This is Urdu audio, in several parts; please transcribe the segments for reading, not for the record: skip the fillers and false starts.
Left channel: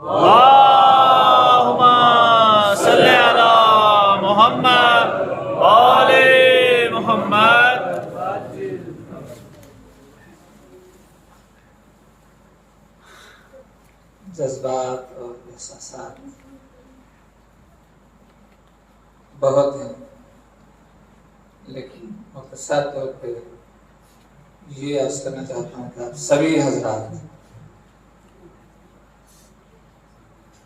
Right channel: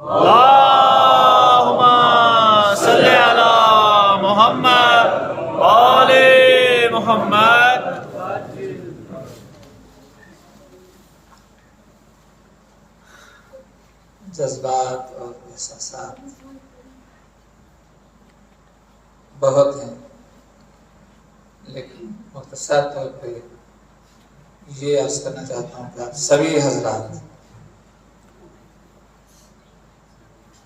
اللہم صلی علی محمد آل محمد۔ جذبات اور احساسات بہت ہیں، لیکن مختصر طور پہ یہ عرض کرنا چاہتا ہوں کہ آپ سبھی حضرات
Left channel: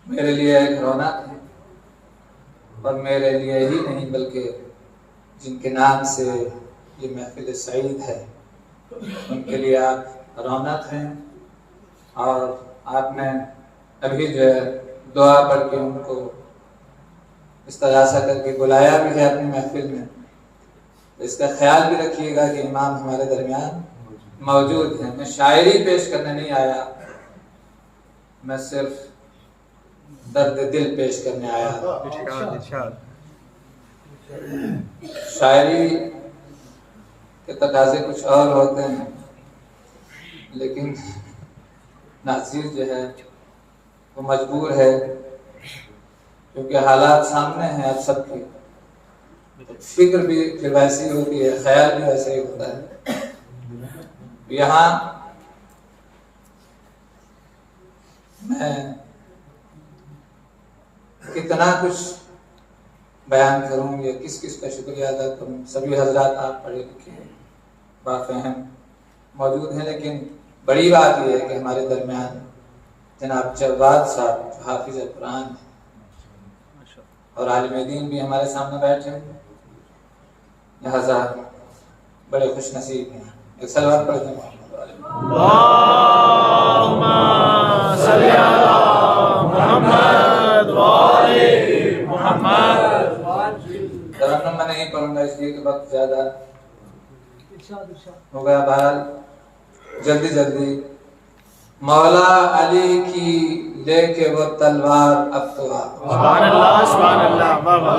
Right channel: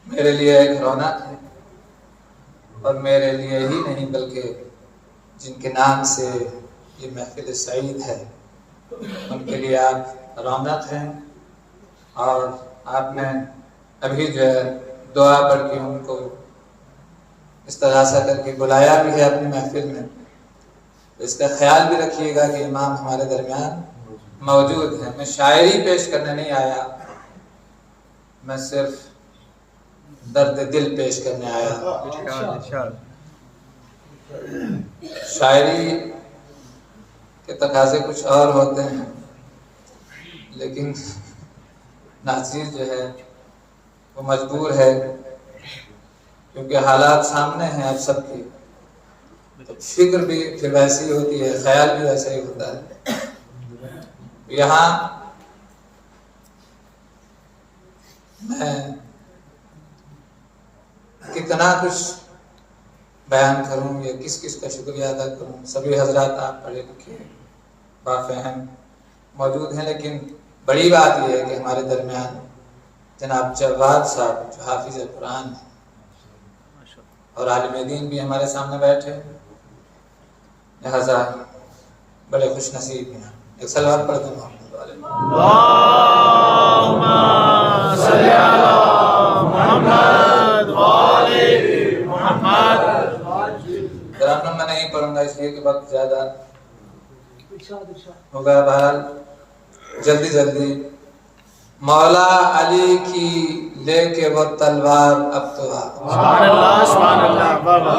میرے لیے ایک رونق ہے، اور میرے لیے ہی نہیں بلکہ جن کے نام سے یہ محفل سعید ہے ان کے لیے آپ رونق ہیں۔ اور آپ نے ابھی جو ہے دعا پڑھ کے ان کو استغاثہ کر کے بلایا بھی ہے اپنی محفل میں، تو اس کا خیال بھی رکھیے گا کہ امام ہمارے درمیان موجود ہیں۔ میں شاعری پیش کرنے نہیں آیا، میں صرف درد دل پیش کرنے آیا۔ شاعری کے تقاضے کچھ اور ہوتے ہیں، لیکن ناصر جو ہے وہ مجبور ہے، کیونکہ حالات سامنے ہیں آپ سب کی، فکر بھی پھر ویسی ہوتی ہے، خیال بھی ویسا ہی ہوتا ہے۔ یہاں میں کتنا کچھ بیان کروں یا کس کس کا شکریہ ادا کروں۔ سبھی حضرات آپ پڑھے لکھے بافہم موجود ہیں، لیکن بڑی بات یہ ہے کہ ہمارے درمیان جناب جواد صاحب جو حافظ قرآن ہیں اور عالم دین بھی ہمارے سامنے بیٹھے، لہذا بڑے خوش نصیب ہیں۔ ایک صلوات پڑھتے ہیں محمد والے۔ اللہم صلی علی محمد وآل محمد۔ ترنم میں نہیں پڑھوں گا اس لیے کہ وقت زیادہ ہوگا۔ بہرحال جلدی جلدی مولا علی کی لے کے وہ تلوار اب تو آ۔ سبحان اللہ سبحان اللہ، واہ واہ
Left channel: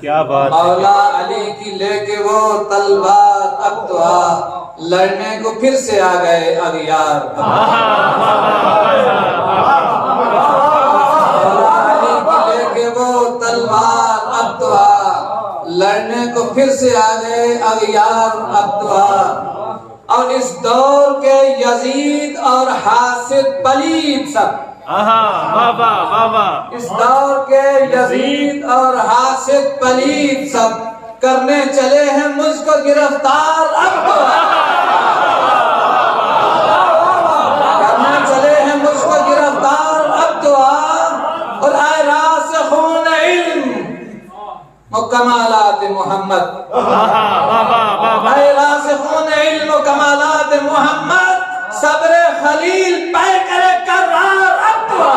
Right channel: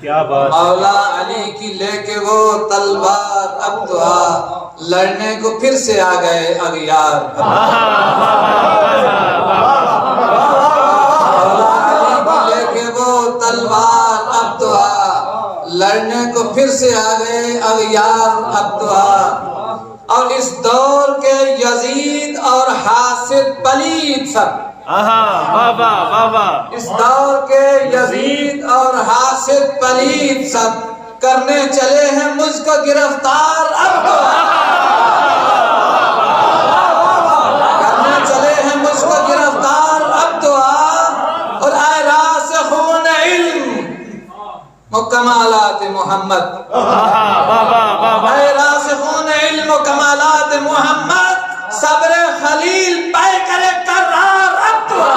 کیا بات۔ مولا علی کی لے کے وہ تلوار اب تو آ، لڑنے کو پھر سے آ گئے اغیار۔ مولا علی کی لے کے وہ تلوار اب تو آ، لڑنے کو پھر سے آ گئے اغیار اب تو آ۔ اور اس دور کے یزید اور حاسد پلید سب، واہ واہ واہ واہ، اس دور کے یزید اور حاسد پلید سب کرنے چلے ہیں مجھ کو گرفتار اب تو آ، کرنے چلے ہیں مجھ کو گرفتار اب تو آ۔ اور اے راسخون علم و کمالات محمد، اے راسخون علم و کمالات محمد، صبر خلیل پے کرے کرار اب تو آ،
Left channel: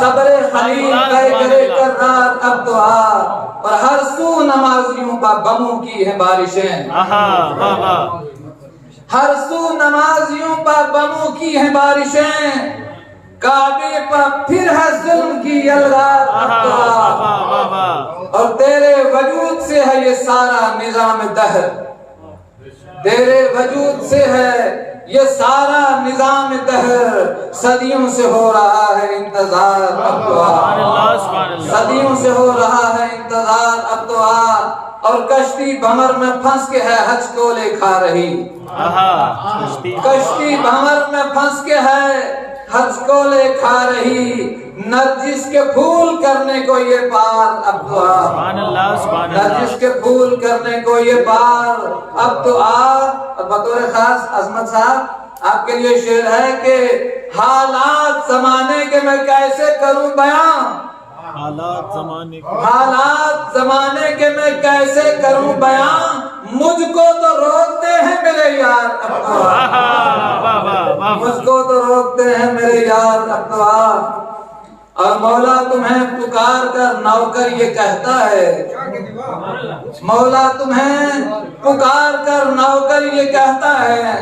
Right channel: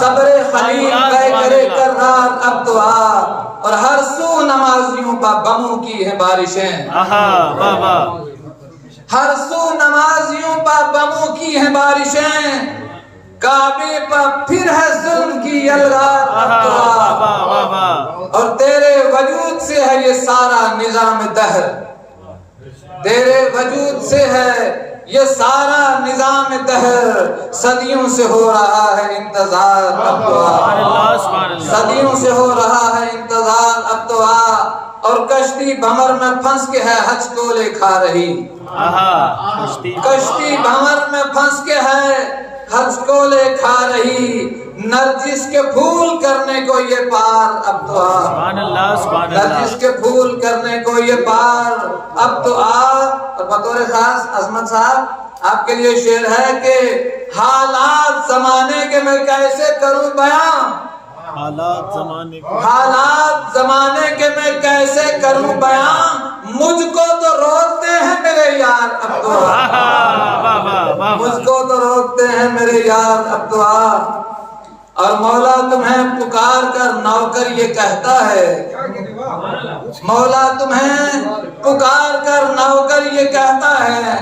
صبر خلیل پے کرے کرار اب تو آ۔ اور ہر سو نمازیوں کا غموں کی ہے بارشیں، ہر سو نمازیوں پر غموں کی ہے بارشیں، کعبے پر پھر ہے ظلم کی یلغار اب تو آ۔ اور تیرے وجود سے ہے یہ سارا نظام دہر، تیرے وجود سے ہے یہ سارا نظام دہر، صدیوں سے ہو رہا ہے انتظار اب تو آ، صدیوں سے ہو رہا ہے انتظار اب تو آ۔ اور کشتی بھمر میں پھنس کے ہے حج کو لے کھا رہی، کشتی بھمر میں پھنس کے ہے حج کو لے کھا رہی، نرجس کے پھول کرنے کو یہ پار اب تو آ، نرجس کے پھول کرنے کو یہ پار اب تو آ۔ اور بطور خاص عظمت صاحب آپ کے لیے شعر ہے کہ حالات زمانے کے میں کیسے کروں بیان، حالات زمانے کے، حالات زمانے کے میں کیسے کروں بیان، مجھ کو تو روکتے ہیں میرے یار اب تو آ، مجھ کو تو روکتے ہیں میرے یار اب تو آ۔ اور مولا تمہیں پکار کر نوکر یہ کہتا ہے، مولا تمہیں پکار کر نوکر یہ کہتا ہے،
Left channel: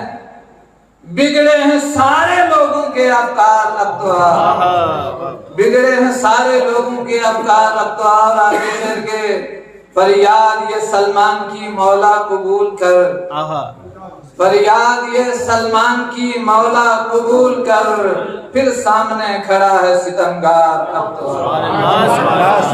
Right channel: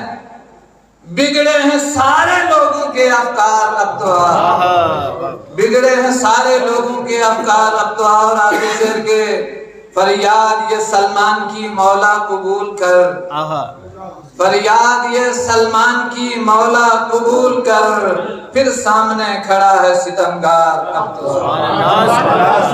بگڑے ہیں سارے لوگوں کے افکار اب تو آ، بگڑے ہیں سارے لوگوں کے افکار اب تو آ۔ اور آگے چل کے فریاد یہ سلمان کی مولا قبول کر، فریاد یہ سلمان کی مولا قبول کر، پھر سامنے کھڑا ہے ستمگار اب تو سبحان اللہ، سبحان اللہ۔